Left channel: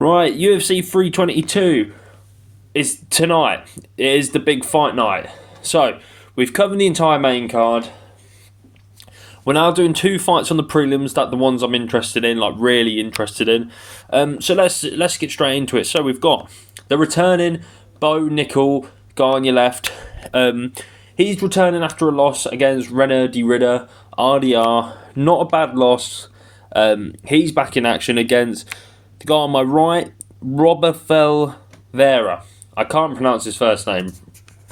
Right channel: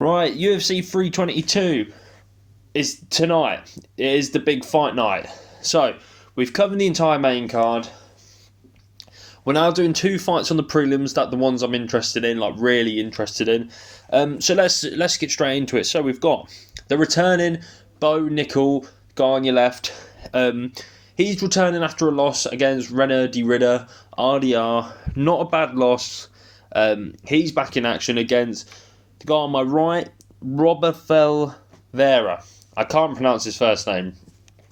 Right, UFC 322 is tonight. It is the big fight night. So, we've covered the entire main card. We're now doing two fights on the prelims, that the ones I'm interested in, like really interested in. So let's get straight into it. So we've got the returning Bo Nickel guy on your left. He's returning after a loss against Renner de Ridder, RDR. Not a bad loss. He's back in action against the guy on my right, Robolfo Vieira. I can't pronounce his first name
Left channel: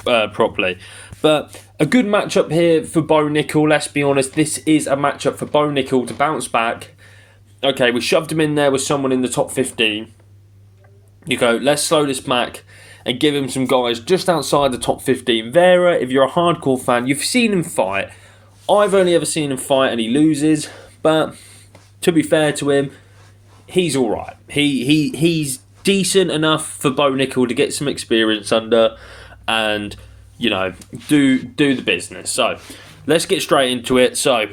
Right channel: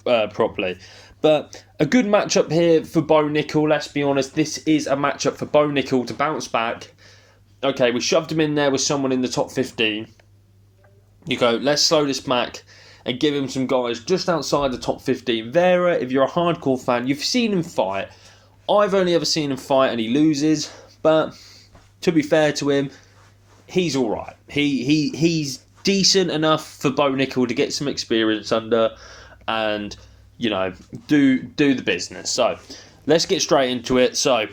properly. But a good matchup here for Bo Nickel. Let's be honest, this is a matchup for Bo Nickel to bounce back. Okay, we shoved him in there with someone in the top 15. You go, let's slow this back and give him some guys just outside the top 15. Vieira, if you're a hardcore fan, you've seen him fight. I've only ever seen him fight and he loses. But to be fair to him, he's alright. He's decent enough for Bo Nickel to get some experience under and, you know, do the business. So, let's get straight into it. So,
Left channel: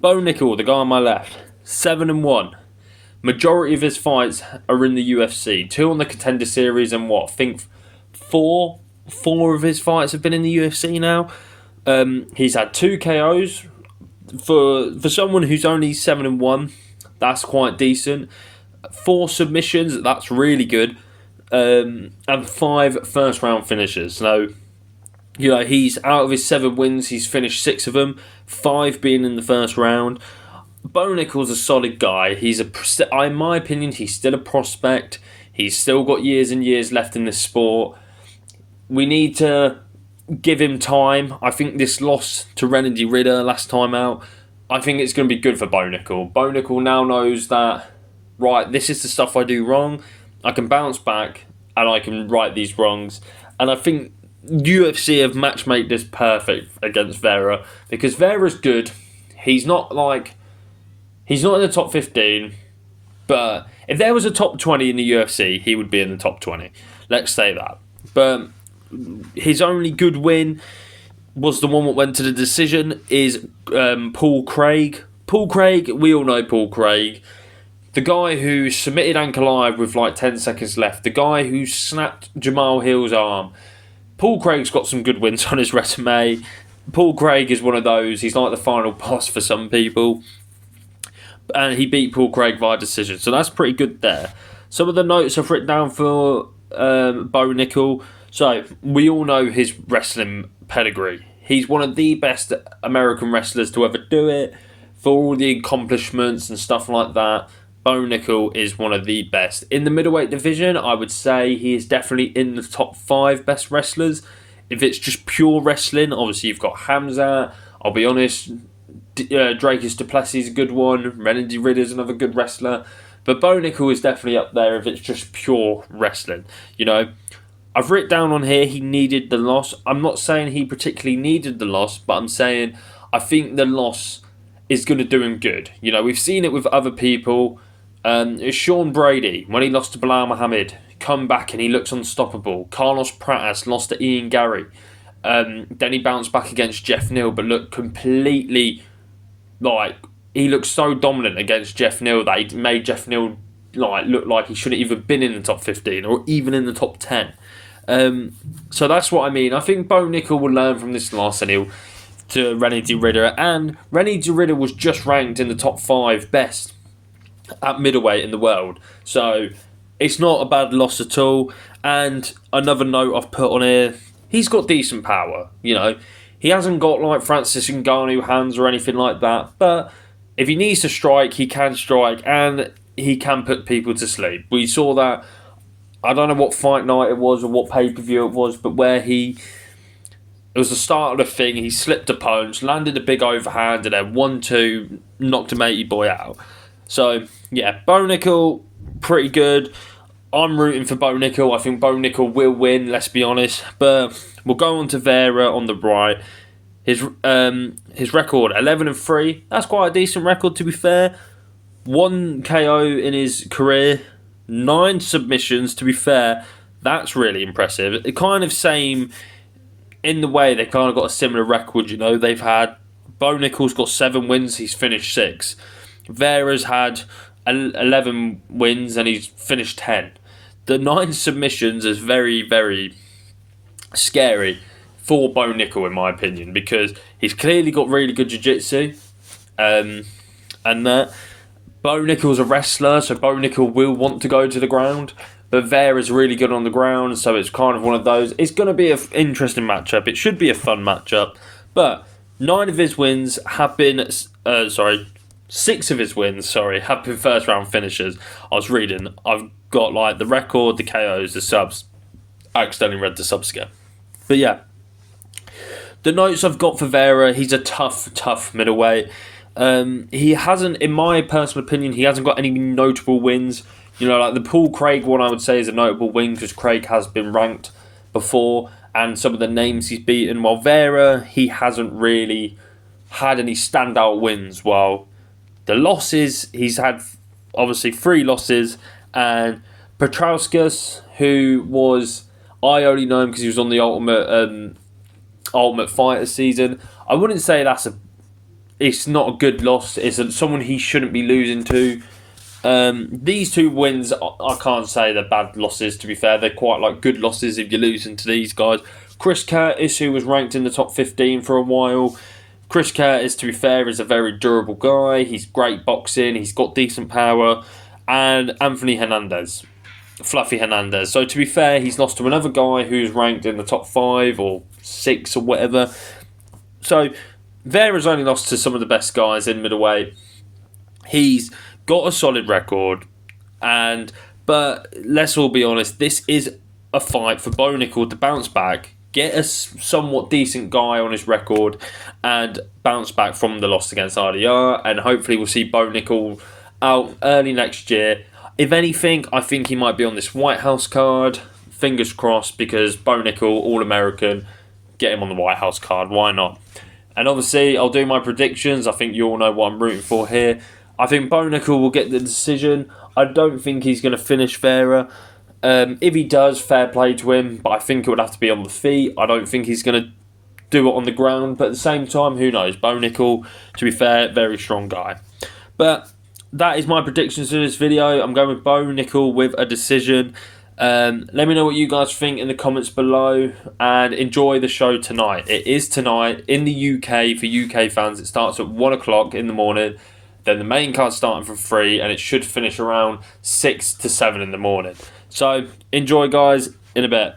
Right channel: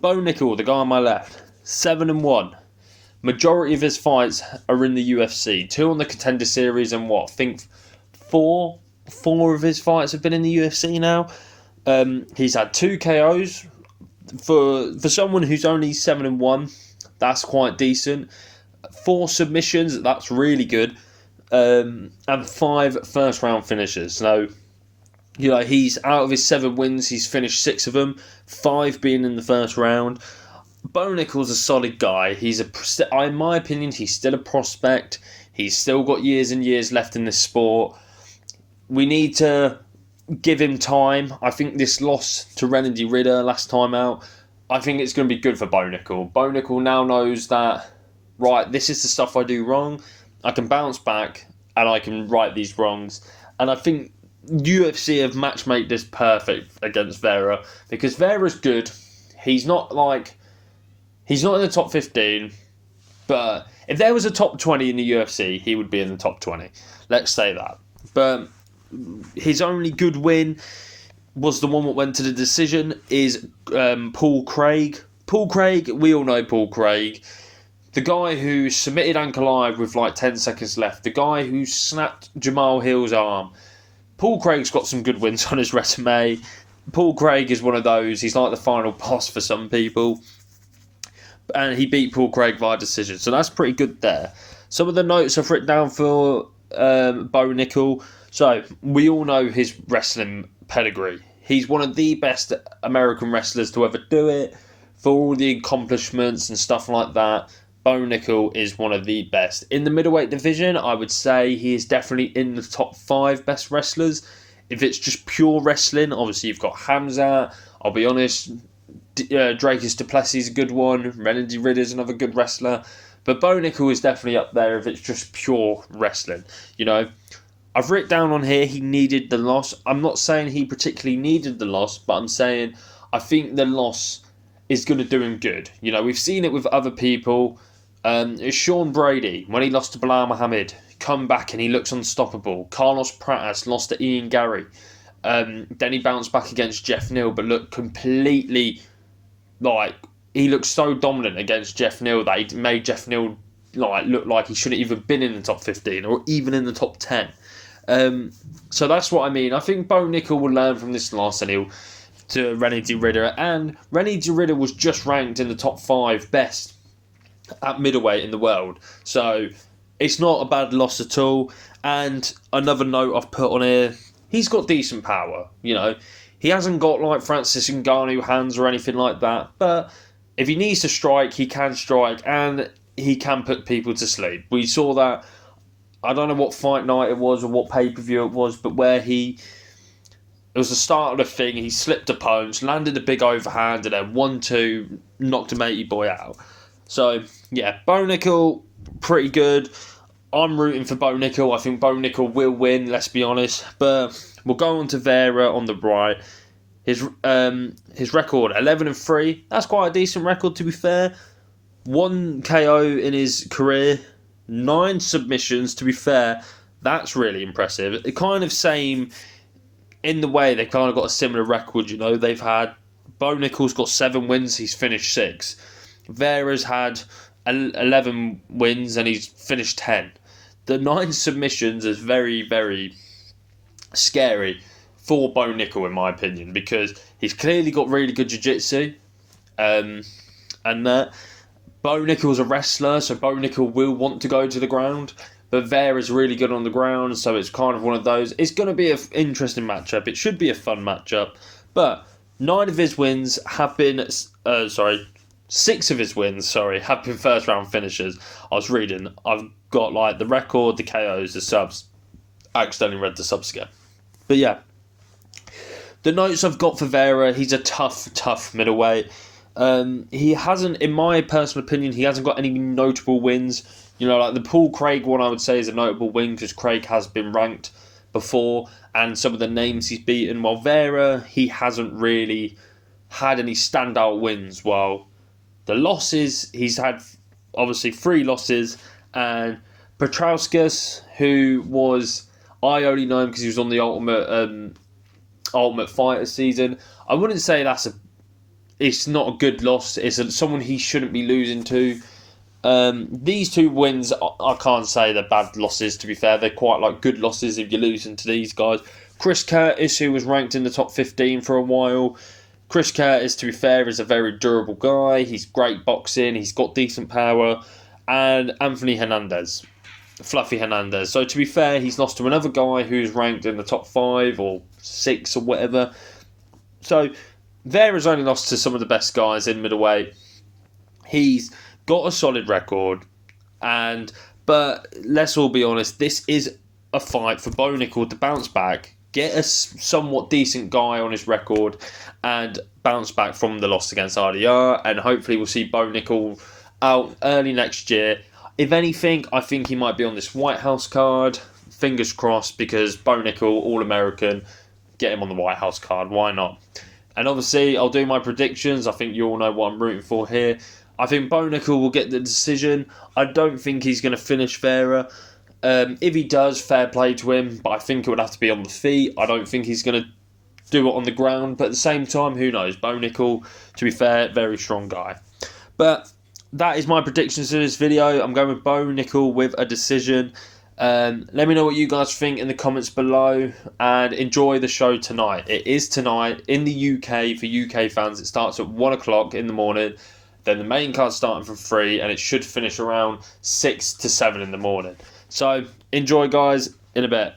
Bo Nickel, the guy on my left, 7-1. Majority of his fights are in the UFC. 2 on the Contender Series and I think four of his fights have been in the UFC now. He's had 2 KOs. For someone who's only 7-1, that's quite decent. 4 submissions, that's really good. And 5 first round finishes. So, you know, he's out of his 7 wins, he's finished 6 of them, 5 being in the first round. Bo Nickel's a solid guy. In my opinion, he's still a prospect. He's still got years and years left in this sport. We need to give him time. I think this loss to Renner de Ridder last time out, I think it's going to be good for Bo Nickel. Bo Nickel now knows that, right, this is the stuff I do wrong. I can bounce back and I can right these wrongs. And I think UFC have matchmade this perfect against Vieira because Vieira's good. He's not in the top 15, but if there was a top 20 in the UFC, he would be in the top 20. Let's say that. But his only good win was the one that went to the decision is Paul Craig. Paul Craig, we all know Paul Craig. The guy who submitted Ankalaev with like 10 seconds left. The guy who snapped Jamal Hill's arm. Paul Craig's got some good wins on his resume. Paul Craig is one of those. He's like the final boss for some people. And he beat Paul Craig via decision. So that's pretty good there. Some of the notes I've written down for Bo Nickel. So, we all know his wrestling pedigree. He's one of the best American wrestlers to ever do it. For all the accomplishments and stuff like that, Bo Nickel is one of the best. In the middleweight division, I would say he is definitely in the top 5 best wrestlers. If it's just pure wrestling, obviously you've got Hamzat. I'll be honest, Dracus du Plessis is a good one. Renner de Ridder is another good wrestler. But Bo Nickel is definitely up there if it's just pure wrestling. You know, I've written down on here he needed the loss. I'm not saying he particularly needed the loss, but I'm saying I think the loss is going to do him good. You know, we've seen it with other people. It's Sean Brady, when he lost to Bilal Muhammad, come back and he looks unstoppable. Carlos Pratas lost to Ian Gary. Then he bounced back against Jeff Neal, but looked completely he looked so dominant against Jeff Neal that he made Jeff Neal look like he shouldn't even been in the top 15 or even in the top 10. So that's what I mean. I think Bo Nickel will learn from this loss and he'll to Renner de Ridder. And Renner de Ridder was just ranked in the top 5 best at middleweight in the world. So it's not a bad loss at all. And another note I've put on here, he's got decent power, you know. He hasn't got like Francis Ngannou hands or anything like that. But if he needs to strike, he can strike and he can put people to sleep. We saw that. I don't know what fight night it was or what pay-per-view it was, but where it was the start of the thing, he slipped a punch, landed a big overhand, and then 1-2, knocked a matey boy out. So, yeah, Bo Nickel, pretty good. I'm rooting for Bo Nickel. I think Bo Nickel will win, let's be honest. But we'll go on to Vieira on the right. His record, 11-3. That's quite a decent record, to be fair. 1 KO in his career. 9 submissions, to be fair, that's really impressive. It kind of same in the way they've kind of got a similar record, you know. They've had, Bo Nickel's got 7 wins, he's finished 6. Vieira's had 11 wins and he's finished 10. The 9 submissions is very, very scary for Bo Nickel, in my opinion, because he's clearly got really good jiu-jitsu. And that Bo Nickel's a wrestler, so Bo Nickel will want to go to the ground. But Vieira's really good on the ground, so it's kind of one of those. It's going to be an interesting matchup. It should be a fun matchup. But 9 of his wins have been... 6 of his wins, have been first round finishers. I was reading. I've got like the record, the KOs, the subs. I accidentally read the subs again. But yeah. The notes I've got for Vieira, he's a tough middleweight. He hasn't, in my personal opinion, he hasn't got any notable wins. You know, like the Paul Craig one, I would say is a notable win because Craig has been ranked before, and some of the names he's beaten. While Vieira, he hasn't really had any standout wins. While the losses, he's had obviously 3 losses, and Petrauskas, who was, I only know him because he was on the Ultimate Fighter season. I wouldn't say it's not a good loss. It's someone he shouldn't be losing to. These 2 wins, I can't say they're bad losses, to be fair. They're quite like good losses if you're losing to these guys. Chris Curtis, who was ranked in the top 15 for a while. Chris Curtis, to be fair, is a very durable guy. He's great boxing. He's got decent power. And Anthony Hernandez. Fluffy Hernandez. So to be fair, he's lost to another guy who's ranked in the top 5 or 6 or whatever. So Vieira's only lost to some of the best guys in middleweight. He's got a solid record, but let's all be honest, this is a fight for Bo Nickel to bounce back, get a somewhat decent guy on his record, and bounce back from the loss against RDR, and hopefully we'll see Bo Nickel out early next year. If anything, I think he might be on this White House card. Fingers crossed, because Bo Nickel, All-American, get him on the White House card. Why not? And obviously, I'll do my predictions. I think you all know what I'm rooting for here. I think Bo Nickel will get the decision. I don't think he's going to finish Vieira. If he does, fair play to him, but I think it would have to be on the feet. I don't think he's going to do it on the ground, but at the same time, who knows? Bo Nickel, to be fair, very strong guy. But that is my predictions in this video. I'm going with Bo Nickel with a decision. Let me know what you guys think in the comments below, and enjoy the show tonight. It is tonight in the UK for UK fans. It starts at 1 o'clock in the morning. Then the main card's starting for 3, and it should finish around 6 to 7 in the morning. So enjoy, guys. In a bit.